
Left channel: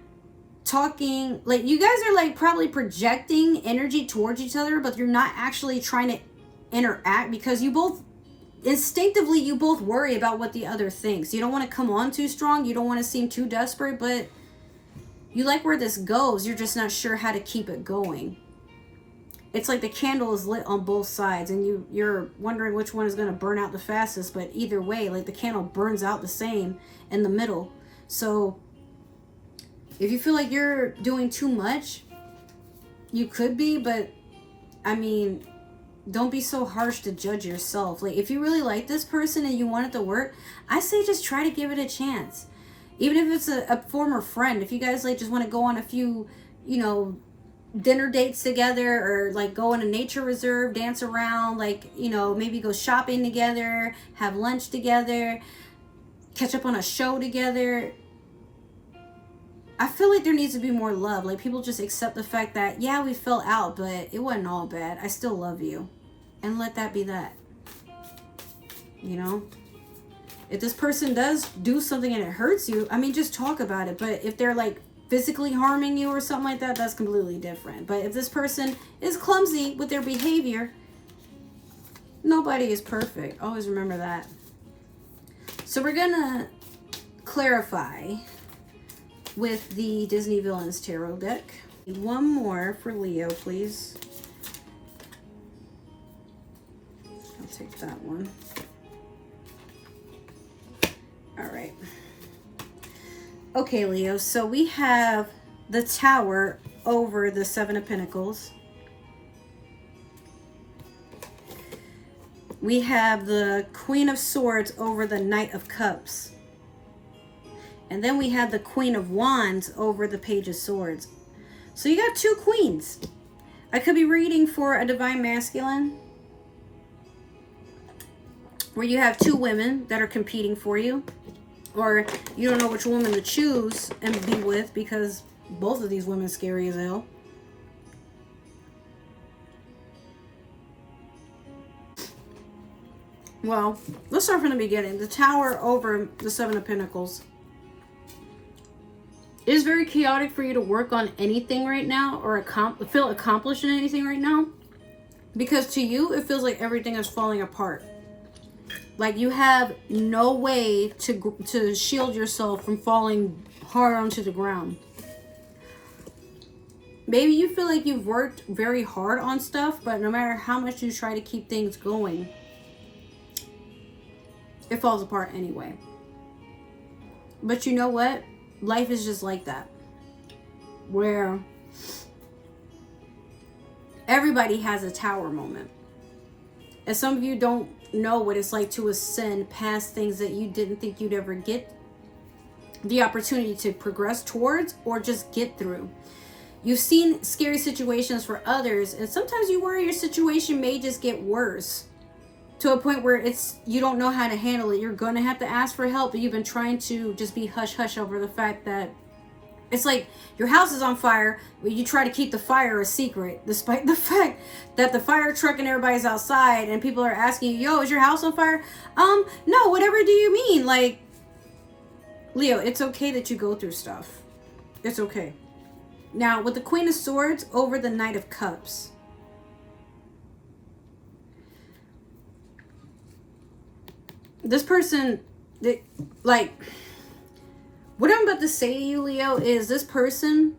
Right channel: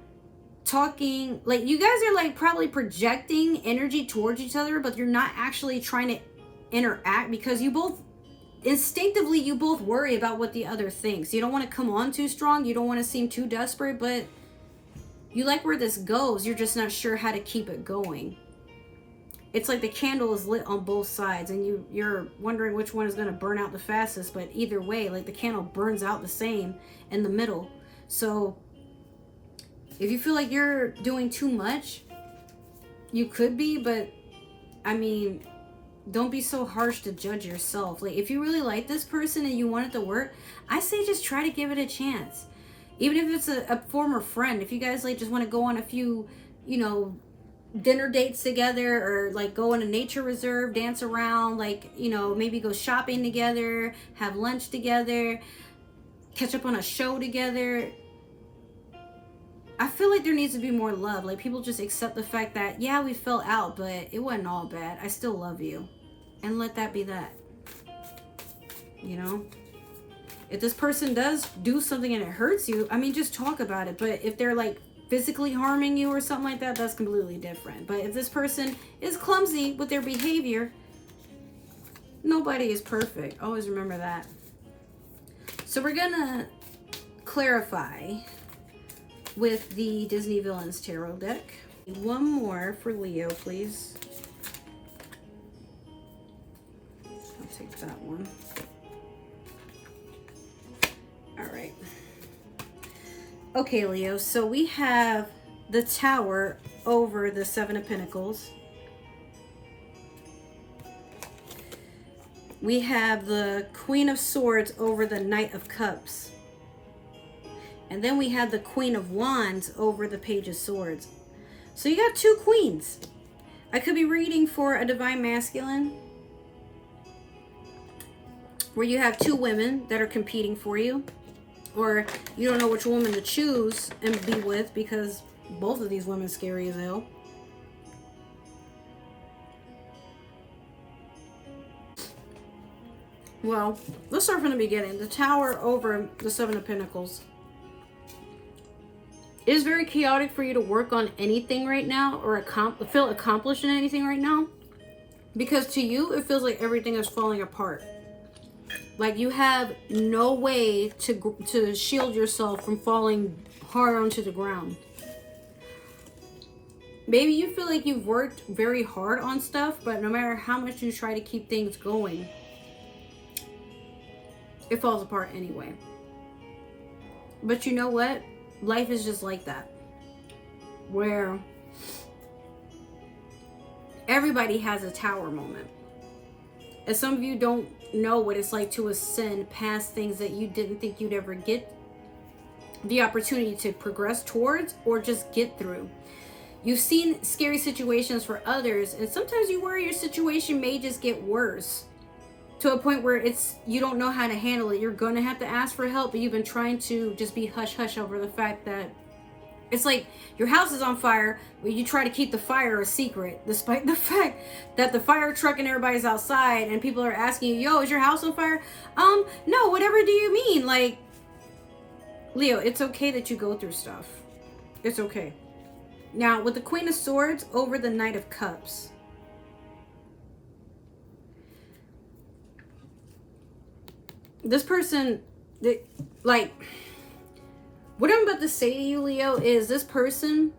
talking, like, you guys are, like, probably projecting energy towards each other, but you're not actually trying to interact, because you both instinctively, you both worry about what the other thinks. You don't want to come on too strong, you don't want to seem too desperate, but you like where this goes. You're just not sure how to keep it going. It's like the candle is lit on both sides, and you're wondering which one is going to burn out the fastest, but either way, like, the candle burns out the same in the middle. So if you feel like you're doing too much, you could be, but I mean, don't be so harsh to judge yourself. Like, if you really like this person and you want it to work, I say just try to give it a chance. Even if it's a former friend, if you guys, like, just want to go on a few, you know, dinner dates together, or, like, go in a nature reserve, dance around, like, you know, maybe go shopping together, have lunch together, catch up on a show together. I feel like there needs to be more love. Like, people just accept the fact that, yeah, we fell out, but it wasn't all bad. I still love you. And let that be that. You know? If this person does do something and it hurts you, I mean, just talk about it. But if they're, like, physically harming you or something like that, that's completely different. But if this person is clumsy with their behavior, nobody is perfect. Always remember that. So we're gonna clarify with the Disney Villains Tarot deck. One more for Leo, please. I'll take that one. All right. Okay, Leo, so we have the Tower over the Seven of Pentacles. We have the Queen of Swords over the Knight of Cups. And then we have the Queen of Wands over the Page of Swords. So you got two queens. I could be reading for a Divine Masculine, where you have two women that are competing for you. Or you don't know which woman to choose and be with, because both of these women are scary as hell. Well, let's start from the beginning. The Tower over the Seven of Pentacles. It is very chaotic for you to work on anything right now, or feel accomplished in anything right now, because to you it feels like everything is falling apart. Like you have no way to shield yourself from falling hard onto the ground. Maybe you feel like you've worked very hard on stuff, but no matter how much you try to keep things going, it falls apart anyway. But you know what? Life is just like that, where everybody has a tower moment. And some of you don't know what it's like to ascend past things that you didn't think you'd ever get the opportunity to progress towards or just get through. You've seen scary situations for others, and sometimes you worry your situation may just get worse to a point where you don't know how to handle it. You're gonna have to ask for help, but you've been trying to just be hush hush over the fact that it's like your house is on fire, but you try to keep the fire a secret, despite the fact that the fire truck and everybody's outside and people are asking you, yo, is your house on fire? No, whatever do you mean? Like, Leo, it's okay that you go through stuff. It's okay. Now, with the Queen of Swords over the Knight of Cups, this person, like, what I'm about to say to you, Leo, is this person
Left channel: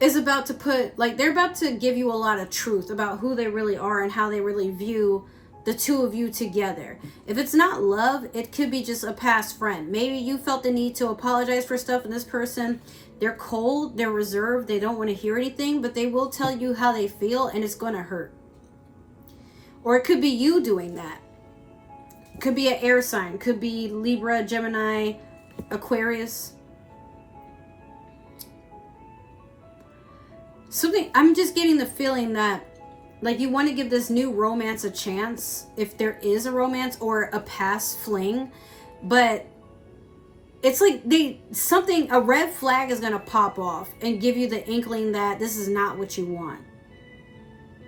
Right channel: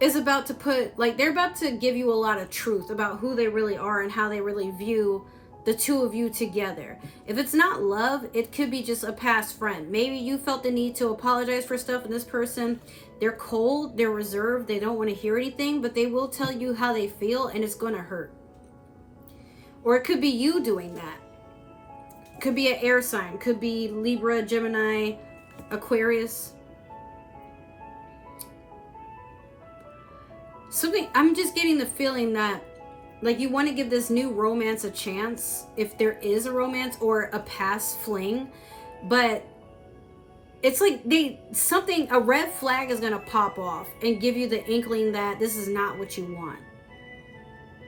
is about to put, like, they're about to give you a lot of truth about who they really are and how they really view the two of you together. If it's not love, it could be just a past friend. Maybe you felt the need to apologize for stuff, and this person, they're cold, they're reserved, they don't want to hear anything, but they will tell you how they feel, and it's going to hurt. Or it could be you doing that. Could be an air sign, could be Libra, Gemini, Aquarius. Something, I'm just getting the feeling that, like, you want to give this new romance a chance, if there is a romance or a past fling, but it's like a red flag is going to pop off and give you the inkling that this is not what you want.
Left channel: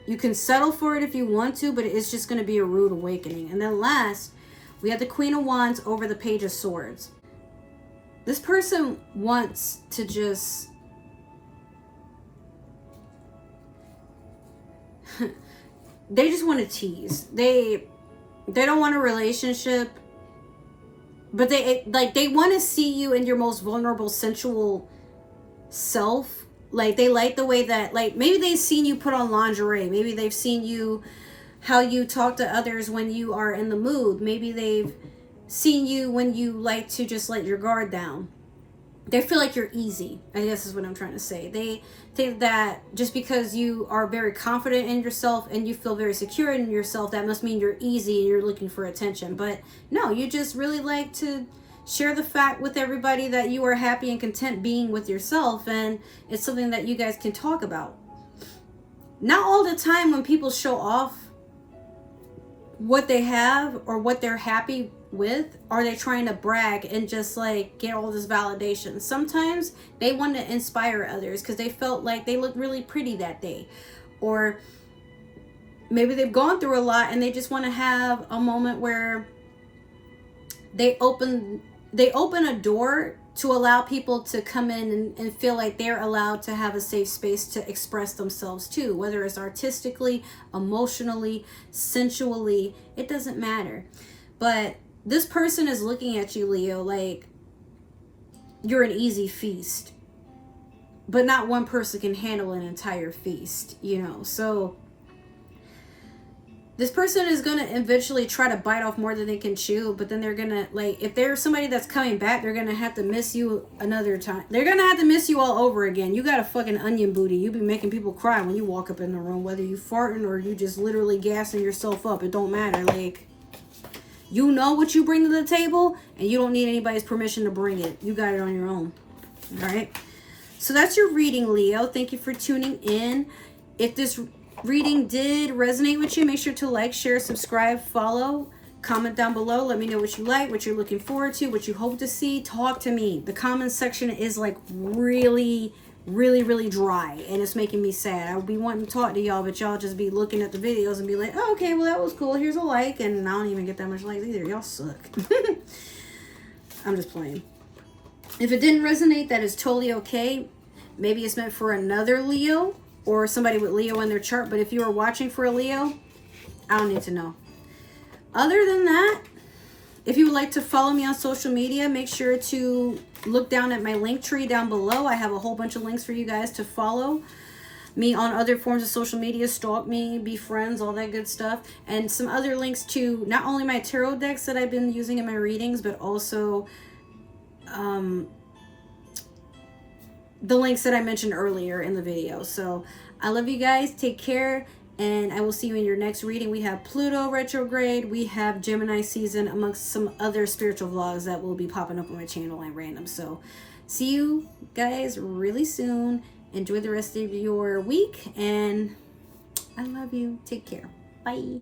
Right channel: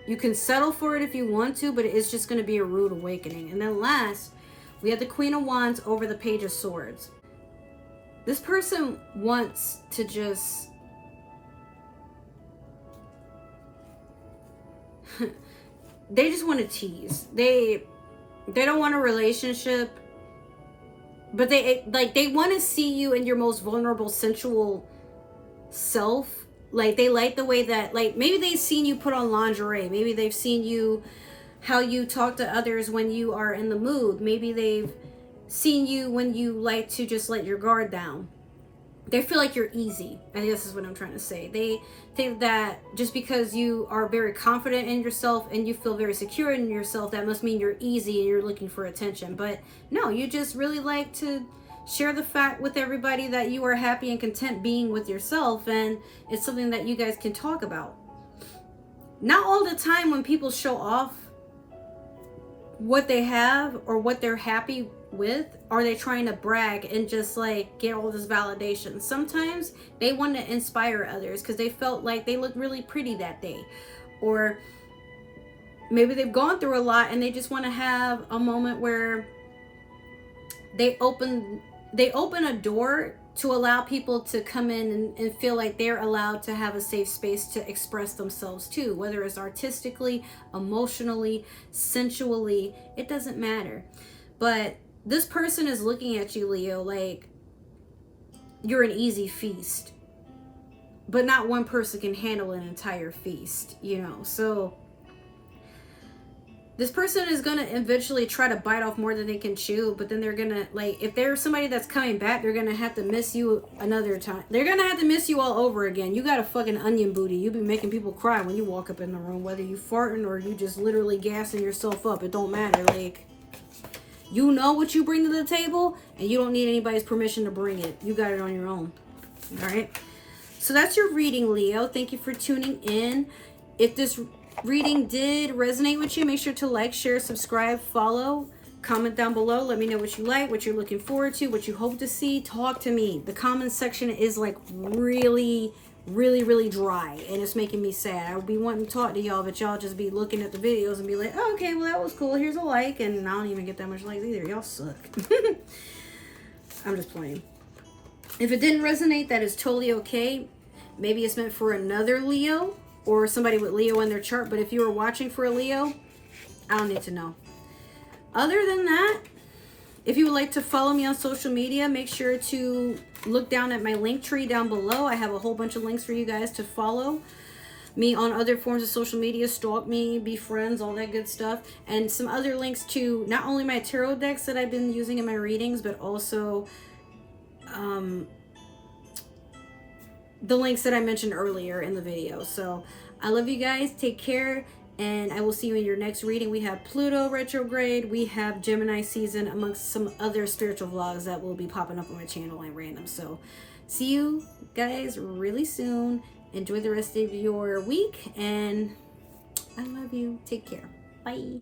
You can settle for it if you want to, but it's just going to be a rude awakening. And then last, we have the Queen of Wands over the Page of Swords. This person wants to just... they just want to tease. They don't want a relationship, but they want to see you in your most vulnerable, sensual self. Like, they like the way that, like, maybe they've seen you put on lingerie. Maybe they've seen you, how you talk to others when you are in the mood. Maybe they've seen you when you like to just let your guard down. They feel like you're easy, I guess is what I'm trying to say. They think that just because you are very confident in yourself and you feel very secure in yourself, that must mean you're easy and you're looking for attention. But no, you just really like to share the fact with everybody that you are happy and content being with yourself, and it's something that you guys can talk about. Not all the time when people show off what they have or what they're happy with, are they trying to brag and just like get all this validation. Sometimes they want to inspire others because they felt like they looked really pretty that day, or maybe they've gone through a lot and they just want to have a moment where they open a door to allow people to come in and feel like they're allowed to have a safe space to express themselves too, whether it's artistically, emotionally, sensually, it doesn't matter. But this person is looking at you, Leo, like you're an easy feast, but not one person can handle an entire feast, you know. So this person is going to eventually try to bite off more than they can chew, but then they're going to, like, if there's somebody that's coming back, they're going to have to miss you another time. They're going to have to miss you all over again. You got a fucking onion booty. You be making people cry when you walk up in the room, whether you farting or you just literally gassing yourself up. It don't matter. Like, you know what you bring to the table, and you don't need anybody's permission to bring it. You got it on your own. All right? So that's your reading, Leo. Thank you for tuning in. If this reading did resonate with you, make sure to like, share, subscribe, follow, comment down below. Let me know what you like, what you're looking forward to, what you hope to see. Talk to me. The comment section is like really dry, and it's making me sad. I would be wanting to talk to y'all, but y'all just be looking at the videos and be like, oh, okay, well, that was cool, here's a like, and I don't even get that much likes either. Y'all suck. I'm just playing. If it didn't resonate, that is totally okay. Maybe it's meant for another Leo or somebody with Leo in their chart, but if you are watching for a Leo, I don't need to know. Other than that, if you would like to follow me on social media, make sure to look down at my link tree down below. I have a whole bunch of links for you guys to follow me on other forms of social media, stalk me, be friends, all that good stuff. And some other links to not only my tarot decks that I've been using in my readings, but also the links that I mentioned earlier in the video. So I love you guys. Take care. And I will see you in your next reading. We have Pluto retrograde. We have Gemini season, amongst some other spiritual vlogs that will be popping up on my channel and random. So see you guys really soon. Enjoy the rest of your week. And I love you. Take care. Bye.